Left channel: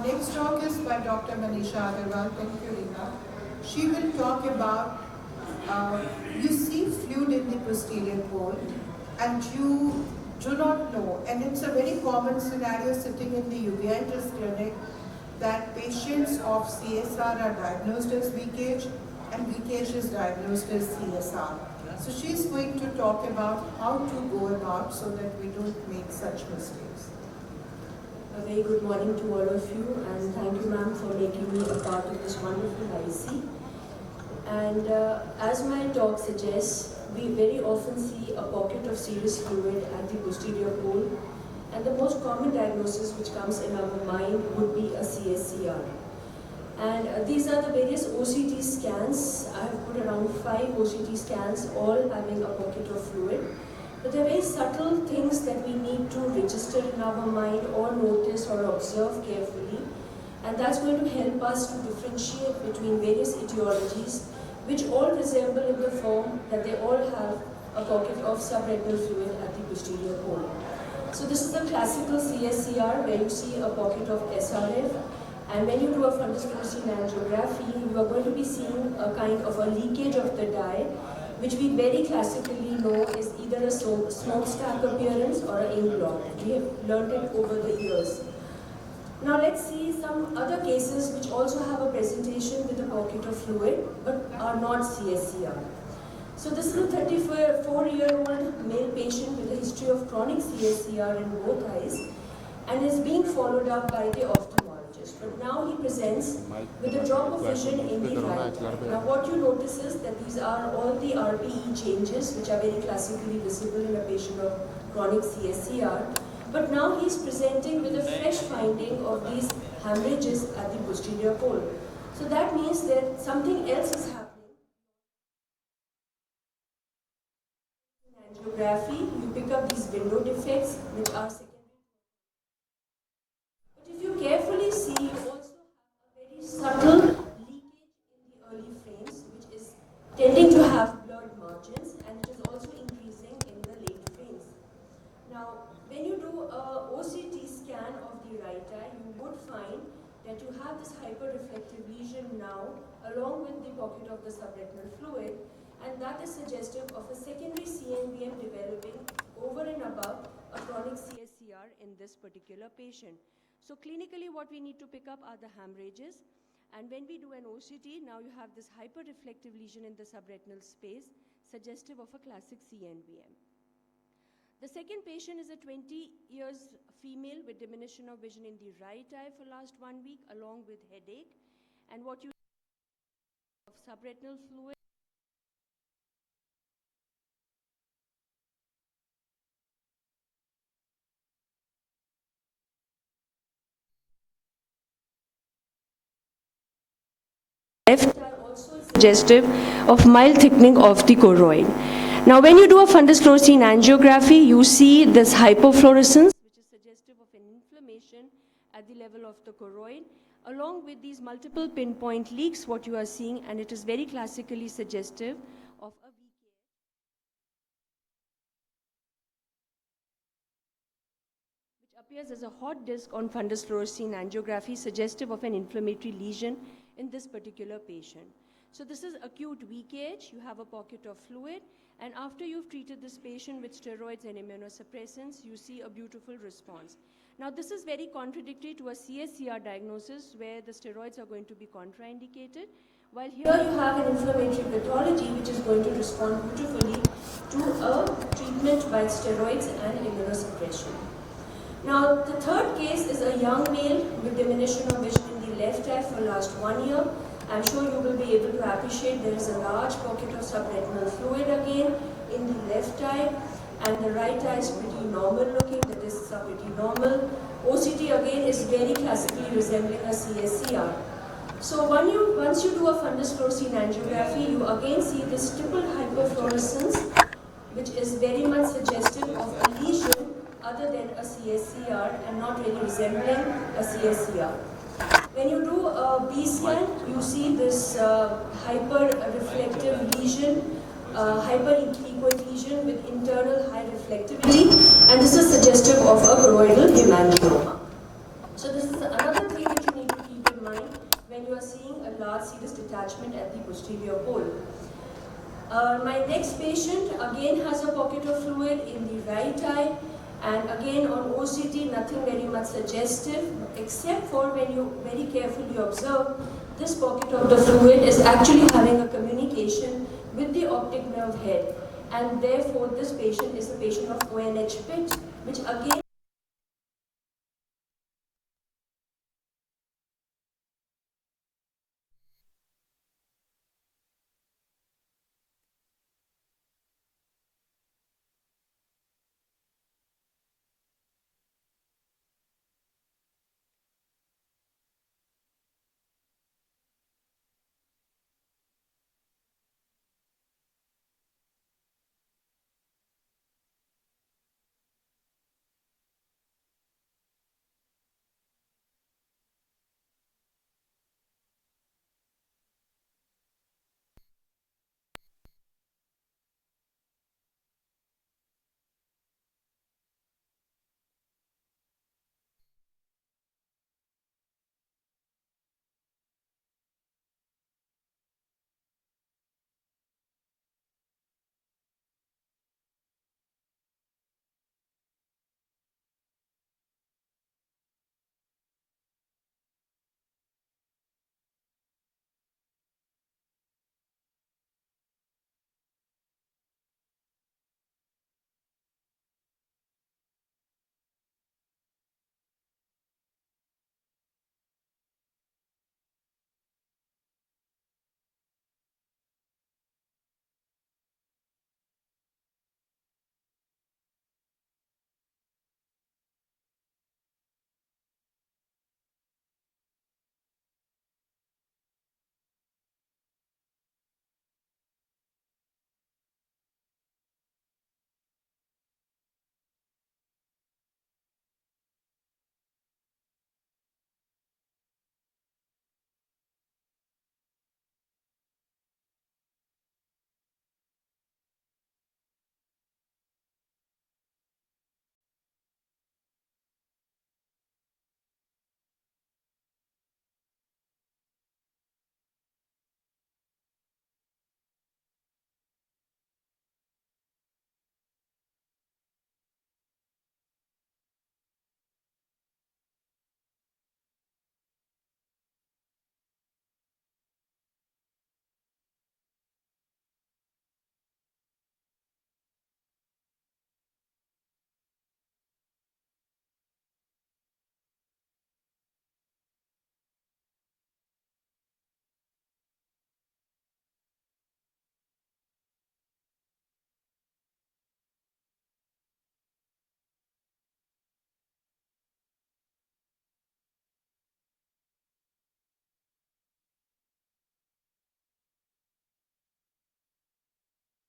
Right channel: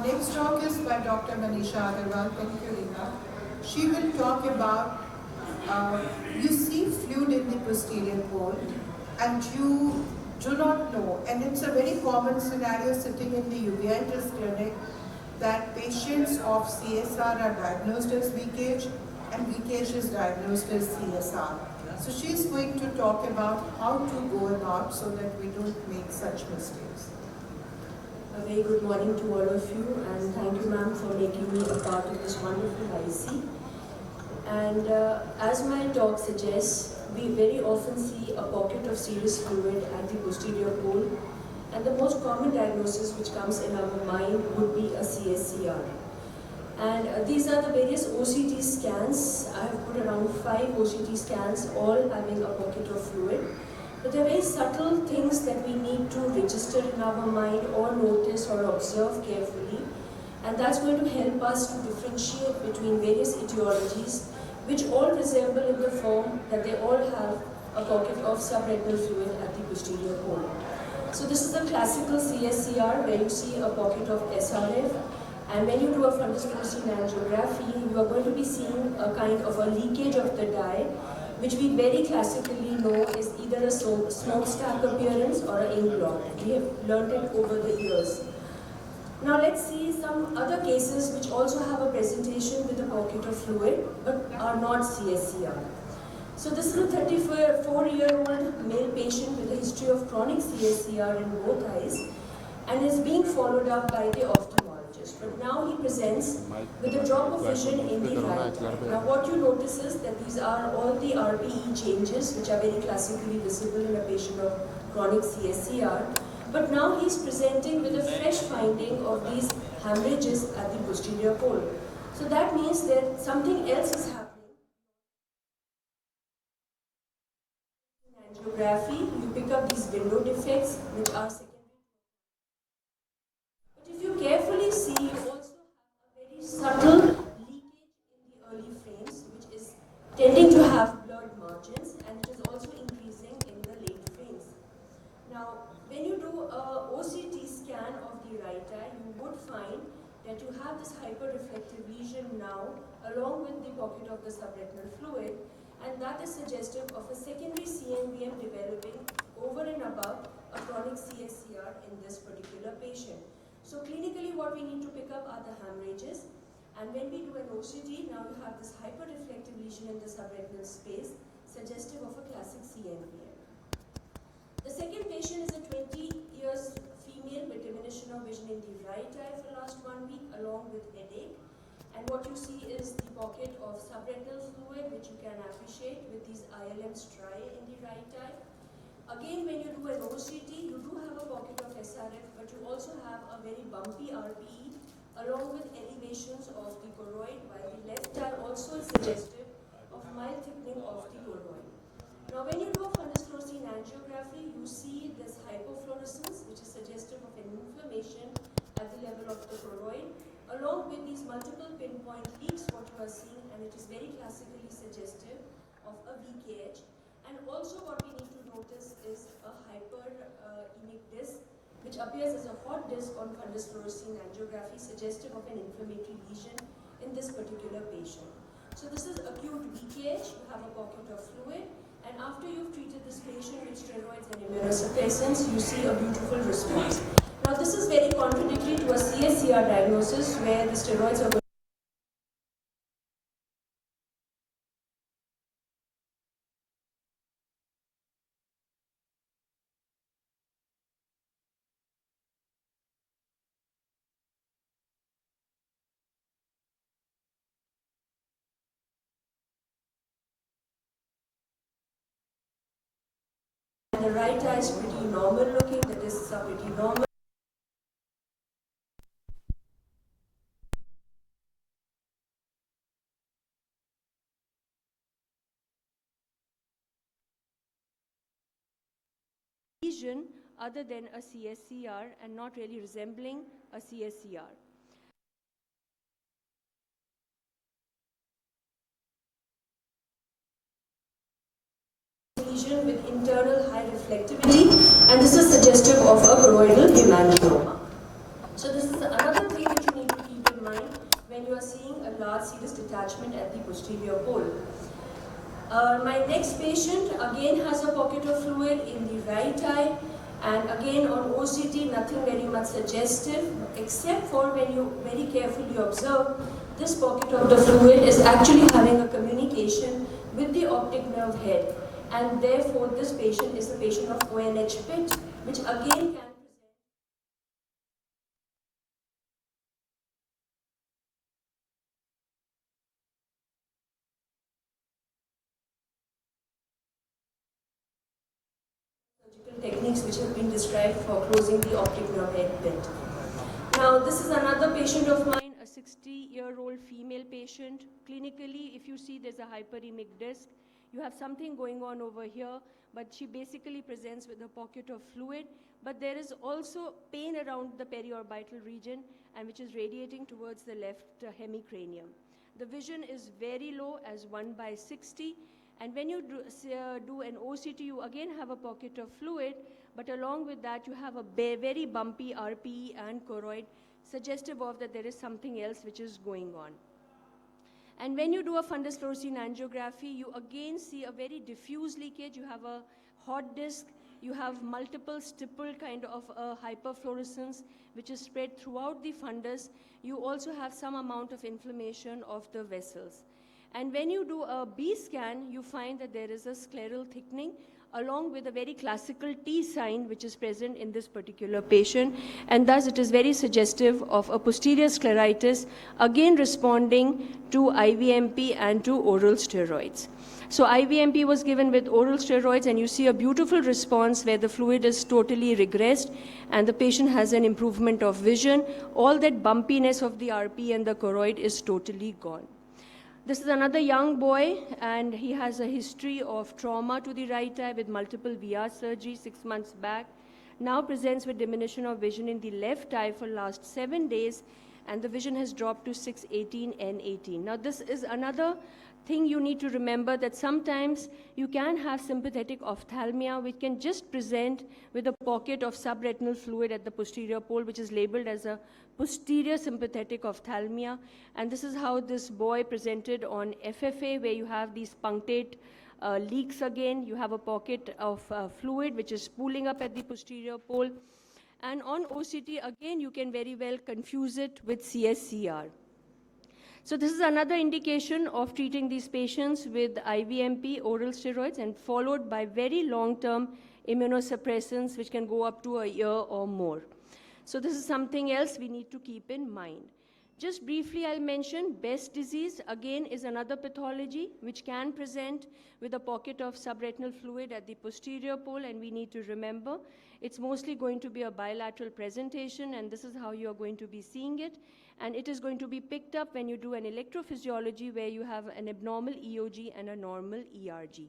Our next talk is by Dr. Manisha Agarwal. Thank you, Rina. She will talk about you see fluid in the posterior pole and you do not know, and it's a very common scenario sitting in the uveitis clinic that patients of CSR are diagnosed as leakage and leakage is diagnosed as CSR. So she's going to talk about how to go about so that we don't make such mistakes. A very good morning to all of you, and thank you, ma'am, for making me a part of this wonderful IC. And as my talk suggests, we very often see a pocket of serous fluid at the posterior pole, and the most common diagnosis which comes in our mind would be a CSCR. And these are the various OCT scans. I have put around 5 OCT scans, all having a pocket of fluid. But there are very subtle things that we need to register in our mind or notice or observe carefully. And that's going to help us to differentiate between various etiologies, which all resemble in the form that they all have a pocket of subretinal fluid at the posterior pole. So this is the classical CSCR where you see a pocket of SRF. And when you do a fundus fluorescein angiography, you are going to be seeing a kind of a leakage of the dye, which we very classically know is either a smokestack appearance or an ink blot. We have learned it over the years. Now let's see some other cases which also have a presentation with a pocket of fluid but are not CSCR. So this is a 34-year-old male patient with a history of chronic CSCR in both eyes and is being followed up by the ophthalmologist. But now he presents with a drop of vision in the right eye. Now what you notice is that these are all the RPE changes which are very classically visible in a patient of chronic CSCR. But now he is presenting with a fresh finding of these hemorrhages at the posterior pole. So that means that something else is happening. In angiography, you pick up these window defects which are secondary. But if you carefully see, you also have a very subtle leakage in the early frames, which is tending to have blurred margins, and it is also increasing in the late frames. Now, when you do a OCT scan of the right eye, you would find that you have this hyperreflective lesion now along with the pocket of the subretinal fluid, and that is suggestive of a secondary CNVM developing over and above a chronic CSCR in this particular patient. So clinically what we need to pick up are the hemorrhages, and when we do an OCT, now you have this hyperreflective lesion in the subretinal space suggestive of a classic CNVM. The second patient is a 20 years female with diminution of vision in the right eye for the last 1 week along with headache. And what you see is the pocket of subretinal fluid which you can appreciate with these ILM striae in the right eye. Again, when you do an OCT, you do have a pocket of SRF, but you also have a very bumpy RPE along with elevations of the choroid, while the left eye also is suggestive of mild thickening of the choroid. Now, when you do a fundus fluorescein angiography, you see this hypofluorescence, which is suggestive of an inflammation at the level of the choroid, along with these multiple pinpoint leaks, what you are seeing, and it is very classically suggestive of a VKH. And also what we need to notice is a hyperemic disc, which appears as a hot disc on fundus fluorescein angiography, suggestive of an inflammatory lesion in this particular patient. So this is acute VKH, you have a pocket of fluid, and after you've treated this patient with steroids and immunosuppressants, you see a beautiful response. Now this is very contradictory to a CSCR diagnosis where the steroids are going to be contraindicated, while here you have an inflammatory pathology which is going to respond beautifully to a treatment by steroids and immunosuppression. Now the third case is a young male with diminution of vision in the left eye for the last 1 year. I'm sure you will be able to appreciate there is a large pocket of subretinal fluid again in the left eye, and the right eye is pretty normal looking, the discs are pretty normal. OCT again is very classically resembling a CSCR. So once you do a fundus fluorescein angiography, you again see this triple hyperfluorescence, which is very much suggestive of a lesion other than a CSCR and not really resembling a CSCR. When you do a B scan, you see this hyper-reflective lesion, hyper-echoic lesion with internal high reflectivity, and this is suggestive of a choroidal hemangioma. So this is another thing that you need to keep in mind when you are seeing a large serous detachment at the posterior pole. My next patient again has a pocket of fluid in the right eye, and again on OCT nothing very much suggestive, except for when you very carefully observe this pocket of the fluid is actually having a communication with the optic nerve head, and therefore this patient is a patient of ONH pit, which again can techniques which have been described for closing the optic nerve head bit. Now, this is another patient of mine, a 60-year-old female patient. Clinically, if you see there's a hyperemic disc, you have something going on over here, but she basically presents with a pocket of fluid, but there is also pain around the periorbital region and which is radiating towards the left hemicranium. The vision is very low as 1/60. And when you do an OCT, you again have a pocket of fluid, but along with that, you have a very bumpy RPE and choroid, suggestive of that there is something else which is going on. And when you do a fundus fluorescein angiography, you again see a very diffuse leakage. You have a hot disc, you have multiple stipple kind of hyperfluorescence, which is spread throughout the fundus. You also have some amount of inflammation of the vessels. And when you do a B scan, you find that there is a scleral thickening along with a very classical T sign which is present in this particular patient, and thus it is very suggestive of a posterior scleritis, again responding to IVMP and to oral steroids. So IVMP was given with oral steroids, and you see a beautiful response where the fluid is totally regressed and the patient has an improvement of vision. All that bumpiness of the RP and the choroid is totally gone. This is another young boy, and he has a history of trauma to the right eye with multiple VR surgery 6 months back. Now presents with diminution of vision in the left eye for last 7 days, and the vision has dropped to 6/18 N18. Now this is another thing you need to remember, that sometimes you can have sympathetic ophthalmia which can just present with a pocket of subretinal fluid at the posterior pole, which is labeled as a posterior sympathetic ophthalmia. And this is how this boy presented on FFA, where you have these punctate leaks again. You have a pocket of fluid which is pooling up at the posterior pole. And on OCT, again, you can very well confuse it with CSCR. So this is another indication of treating these patients with IVMP, oral steroids, and followed by very long-term immunosuppressants, which can go up to a year or more. So this is something else we need to keep in mind. Just briefly, I'll mention Best disease, again, is another pathology which can present with a pocket of subretinal fluid at the posterior pole, and we need to remember it's mostly going to be a bilateral presentation, and this is how you're going to be seeing it. And it is going to be picked up when you do an electrophysiology, where you have an abnormal EOG and a normal ERG.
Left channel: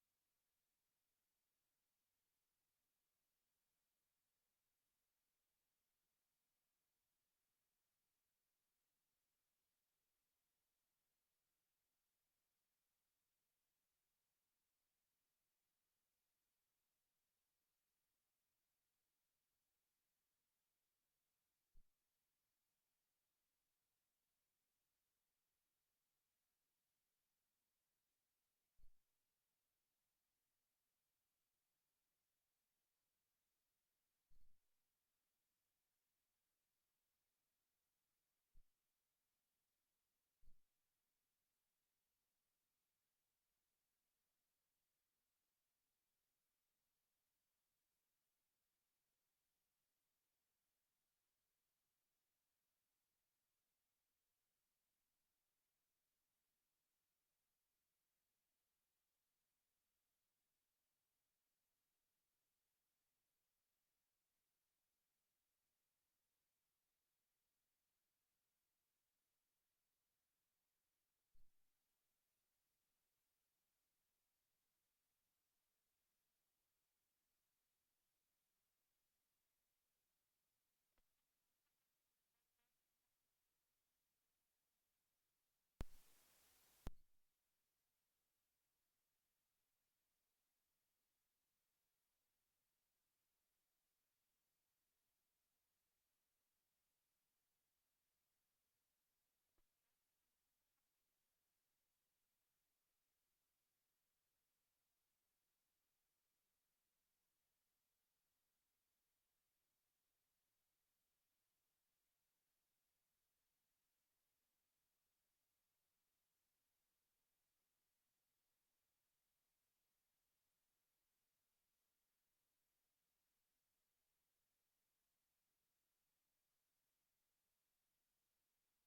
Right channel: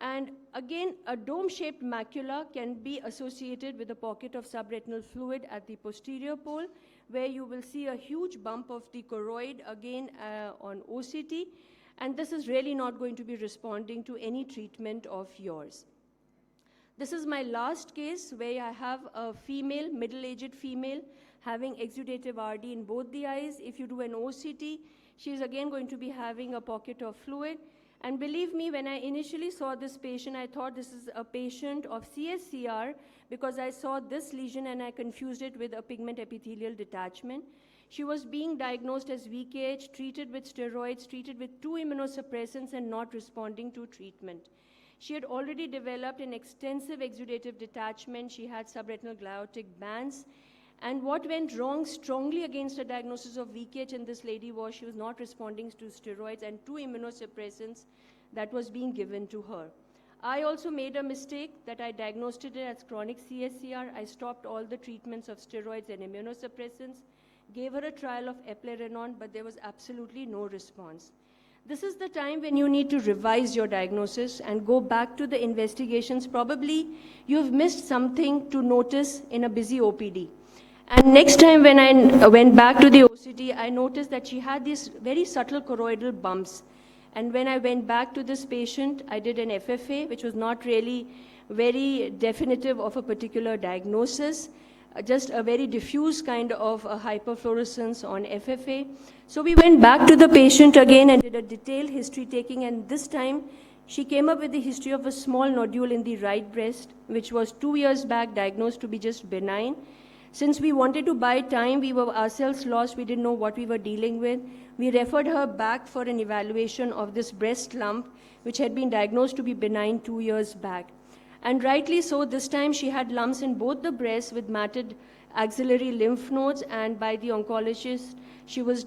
And again, a dome-shaped macula can be associated with a pocket of subretinal fluid at the posterior pole, where you will see a huge bump of the choroid again on OCT, and this is really not going to be responding to any treatment of yours. This is my last case, where I have a female, middle-aged female, having exudative RD in both the eyes. If you do an OCT, she is again going to be having a pocket of fluid. And believe me, when I initially saw this patient, I thought this is a patient of CSCR, because I saw this lesion and I confused it with a pigment epithelial detachment. She was being diagnosed as VKH, treated with steroids, treated with 2 immunosuppressants, and not responding to treatment. She had already developed an extensive exudative detachment. She had subretinal gliotic bands. And what went wrong strongly against a diagnosis of VKH in this lady was she was not responding to steroids and 2 immunosuppressants that was being given to her. I also made a mistake that I diagnosed it as chronic CSCR. I stopped all the treatments of steroids and immunosuppressants, gave her a trial of eplerenone, but there was absolutely no response. This is the time when you need to revise your diagnosis and go back to the investigations. Probably you've missed something to notice in a busy OPD. And next time when I went back to the OCT, I noticed that she had these very subtle choroidal bumps. And when I went back to this patient, I did an FFA, which was not really very definitive of a particular diagnosis. just a very diffuse kind of hyperfluorescence on FFA. So we went back to the patient again and did a detailed history taking, and this time she came up with the history of a small nodule in the right breast, which was 2 years back diagnosed to be just benign. Since we wanted to buy time, we were ourselves lost, we didn't know what we were dealing with. We referred her back for an evaluation of this breast lump, which had been diagnosed to be benign 2 years back. And rightly so, this time she had lumps in both the breasts with matted axillary lymph nodes, and by the oncologist, she was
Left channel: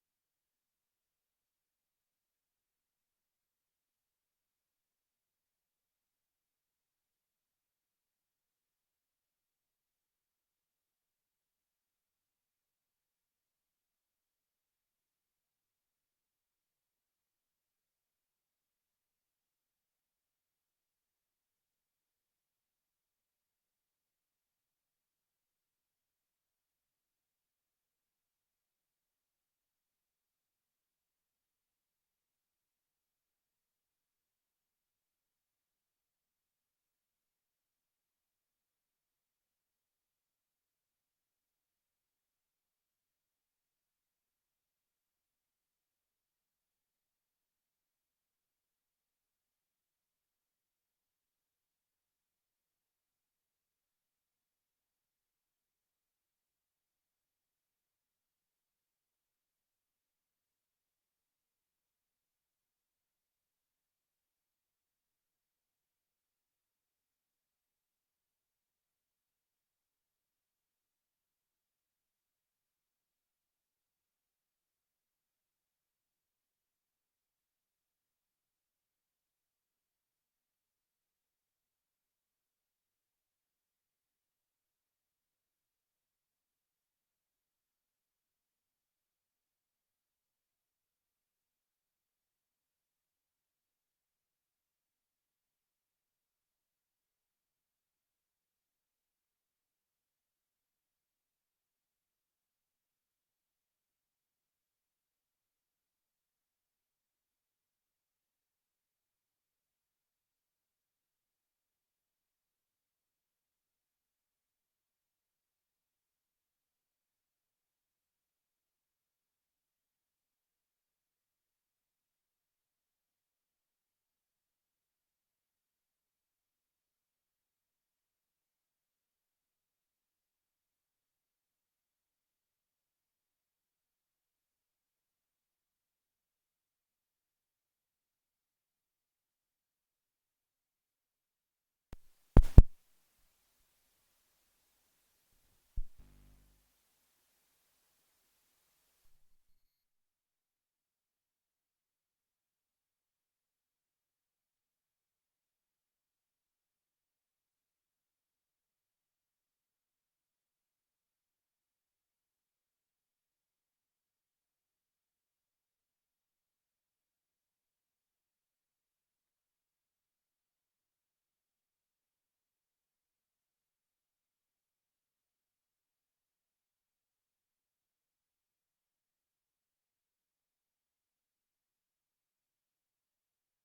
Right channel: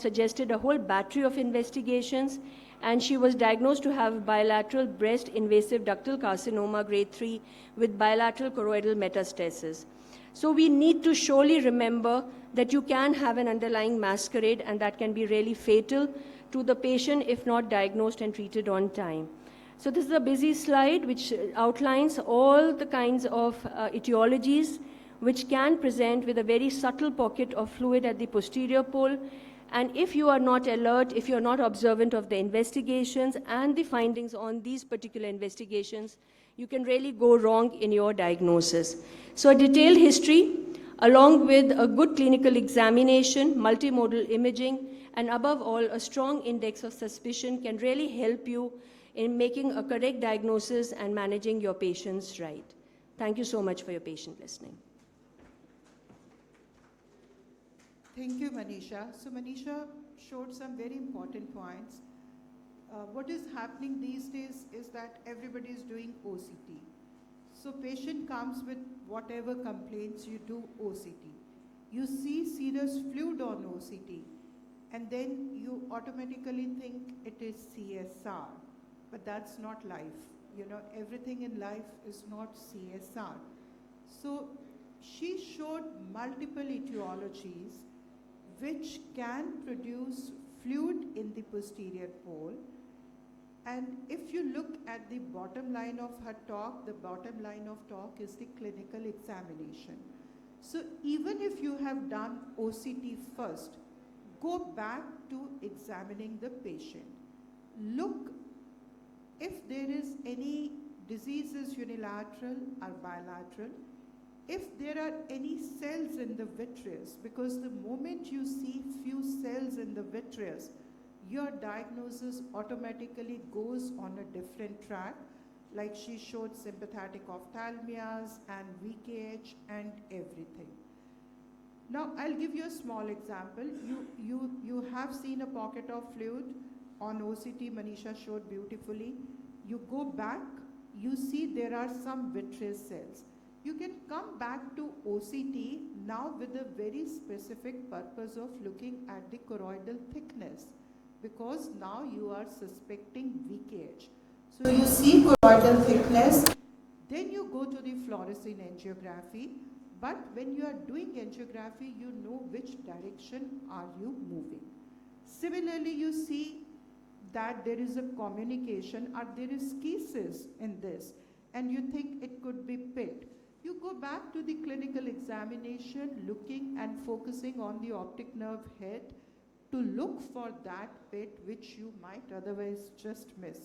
suggested a whole battery of investigations, and she was diagnosed to have bilateral breast invasive ductal carcinoma grade 3 with bilateral choroidal metastasis. So we need to surely remember that you can have an underlying masquerade, and that can be really fatal to the patient if not diagnosed and treated on time. So this is a busy slide which outlines all the kinds of etiologies which can present with a very subtle pocket of fluid at the posterior pole. And if you are not alert, if you are not observant of the investigations and the findings on these particular investigations, you can really go wrong in your diagnosis. So a detailed history, along with a good clinical examination, multimodal imaging, and above all, a strong index of suspicion can really help you in making a correct diagnosis and managing your patients right. Thank you so much for your patient listening. Thank you, Manisha. So Manisha showed some very important points. What is happening these days is that everybody is doing OCT. So patient comes with whatever complaints, you do OCT. You see serous fluid on OCT, and then you automatically think it is CSR. But that's not life. You know, everything in life is not CSR. So she showed multiple etiologies which can produce fluid in the posterior pole. And if you look at the bottom line of her talk, the bottom line of talk is the clinical examination. So even if you have done OCT first, go back to examining the patient. Look if there is any diseases unilateral or bilateral, if there are any cells in the vitreous, because the moment you see few cells in the vitreous, your diagnosis automatically goes on a different track, like she showed sympathetic ophthalmias and VKH and everything. Now, I'll give you a small example. You have seen a pocket of fluid on OCT, Manisha showed beautifully. You go back, you see there are some vitreous cells. You can come back to OCT now with a very specific purpose of looking at the choroidal thickness, because now you are suspecting VKH. So you see choroidal thickness, then you go to the fluorescein angiography, but when you are doing angiography, you know which direction are you moving. Similarly, you see that there is a communication or there is schisis in this, and you think it could be pit. You go back to the clinical examination, looking and focusing on the optic nerve head to look for that pit which you might otherwise just miss.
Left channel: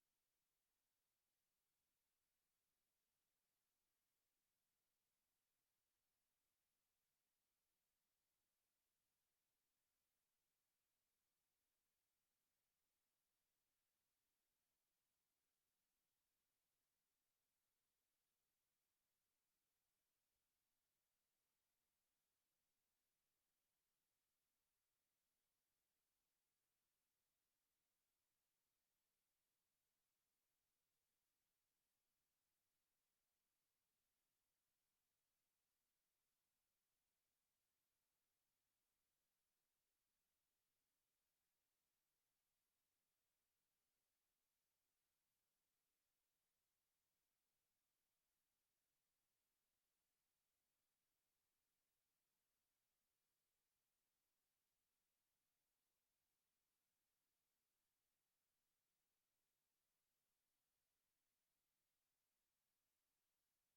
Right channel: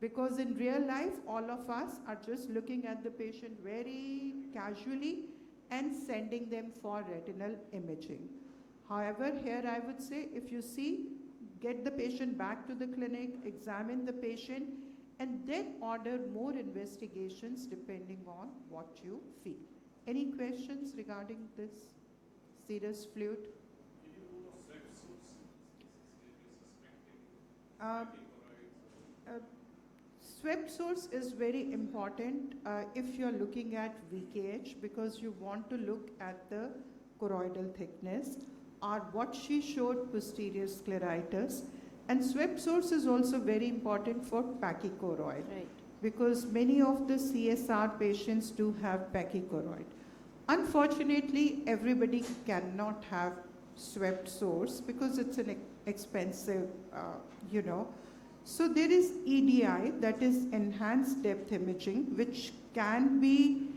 Because in real life, all of us are just looking at the patient very casually and sending them for retinal imaging. However, here I would say, if you see, get the patient back to the clinic, examine the patient, and then order more investigations depending on what you feel. Any questions regarding this serous fluid? Swept source is very important if you're looking at VKH, because you want to look at the choroidal thickness, or what she showed, posterior scleritis. And swept source is also very important for pachychoroid, Right. because many of the CSR patients do have pachychoroid. Unfortunately, everybody cannot have swept source because it's an expensive, So there is EDI, that is enhanced depth imaging, which can be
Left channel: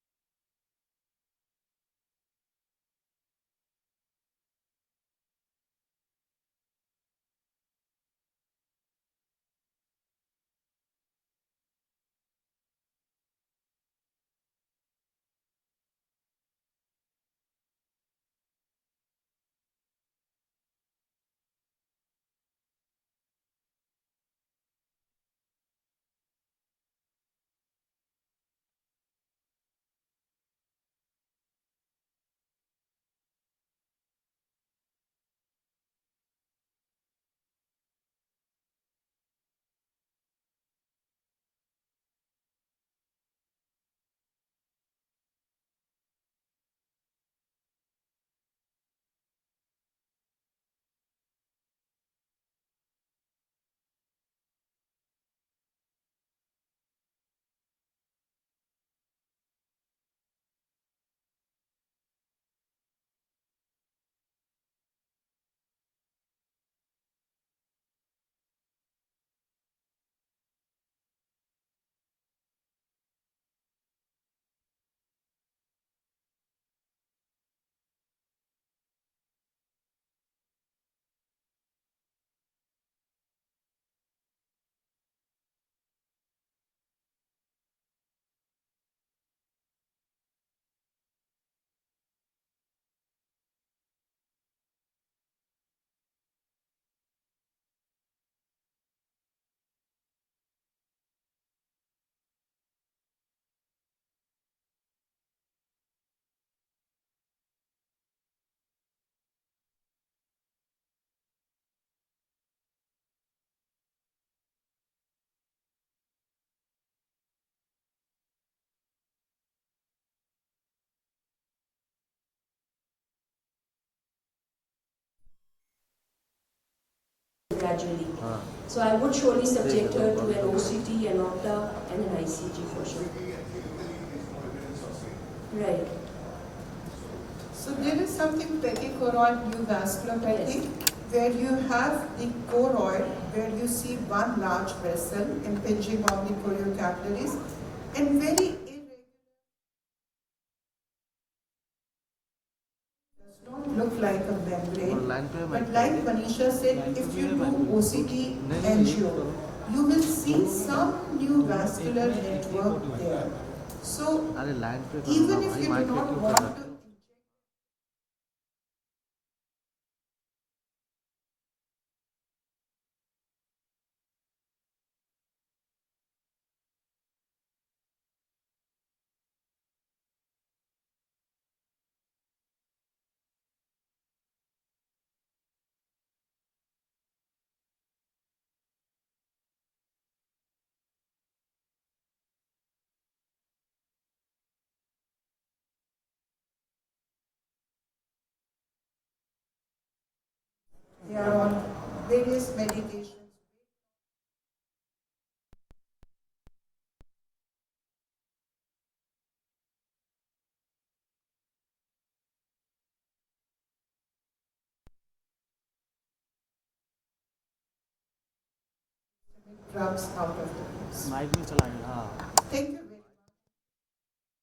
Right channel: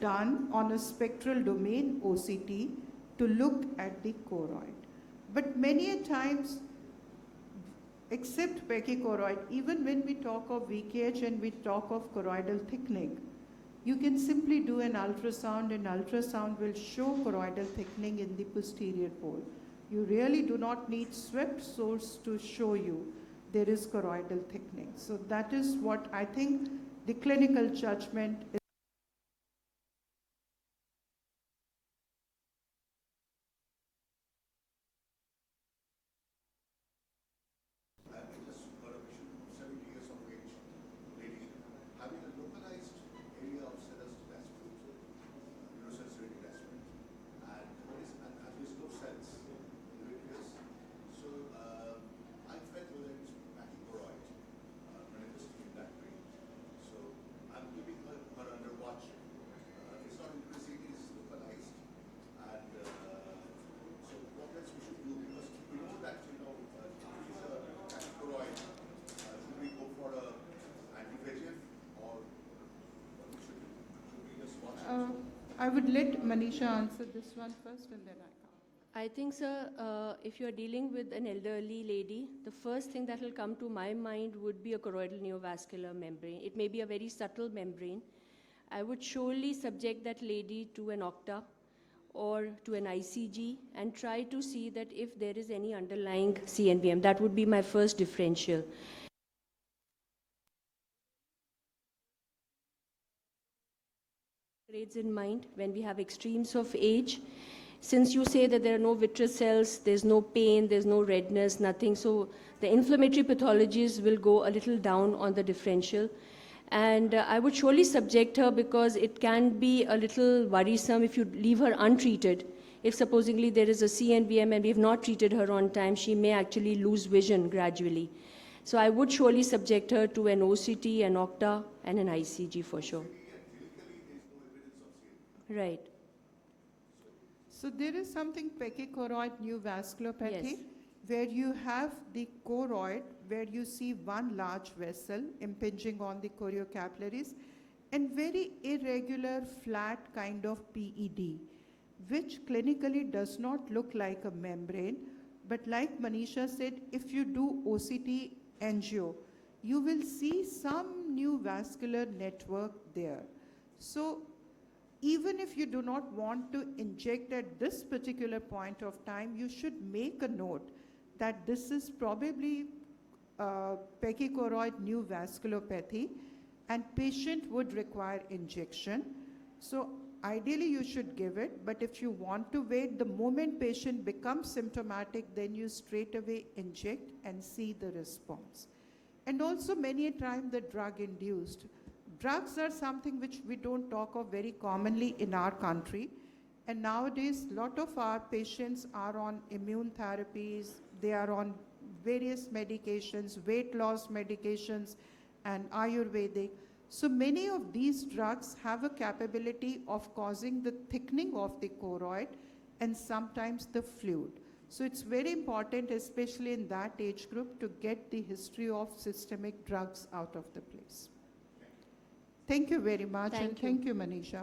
done on a spectral domain OCT to look at the choroid. But many a times, except pachychoroid, even when we talk of VKH and we talk of choroidal thickening, you can simply do an ultrasound, and ultrasound will show choroidal thickening in the posterior pole. You really do not need swept source to show you there is choroidal thickening. So that is what I think the clinical judgment is. I just got a vision of 70 years of age lady having a localized area of serous detachment, neurosensory detachment, and visco cells in the vitreous. So I felt whether it's pachychoroid manifesting in that way. So I'm keeping her under watch. It's not increasing, it's localized. And so what else we should do? Because we know that, if it is a pachychoroid, should we go for a anti-VEGF or what we should do? Should we just watch it? I would let Manisha answer this one first and then I come. I think, sir, if you're dealing with an elderly lady, the first thing that will come to my mind would be a choroidal neovascular membrane. It may be a very subtle membrane. I would surely subject that lady to an OCTA or to an ICG and try to see that if there is any underlying CNVM. That would be my first differential. Grades in mind when we have extremes of age. Since you say that there are no vitreous cells, there's no pain, there's no redness, nothing, so the inflammatory pathologies will go a little down on the differential. And I would surely subject her because it can be a little worrisome if you leave her untreated. If supposedly there is a CNVM and we have not treated her on time, she may actually lose vision gradually. So I would surely subject her to an OCT, an OCTA, and an ICG for sure. Right. So there is something pachychoroid neovasculopathy where you have the choroid where you see one large vessel impinging on the choriocapillaries and very irregular flat kind of PED, which clinically does not look like a membrane. But like Manisha said, if you do OCT angio, you will see some neovascular network there. So even if you do not want to inject at this particular point of time, you should make a note that this is probably pachychoroid neovasculopathy and patient would require injection. So ideally you should give it, but if you want to wait, the moment patient becomes symptomatic, then you straight away inject and see the response. And also many a time the drug induced. Drugs are something which we don't talk of very commonly in our country. And nowadays, a lot of our patients are on immune therapies, they are on various medications, weight loss medications, and Ayurvedic. So many of these drugs have a capability of causing the thickening of the choroid and sometimes the fluid. So it's very important, especially in that age group, to get the history of systemic drugs out of the case. Thank you very much, and thank you, Manisha.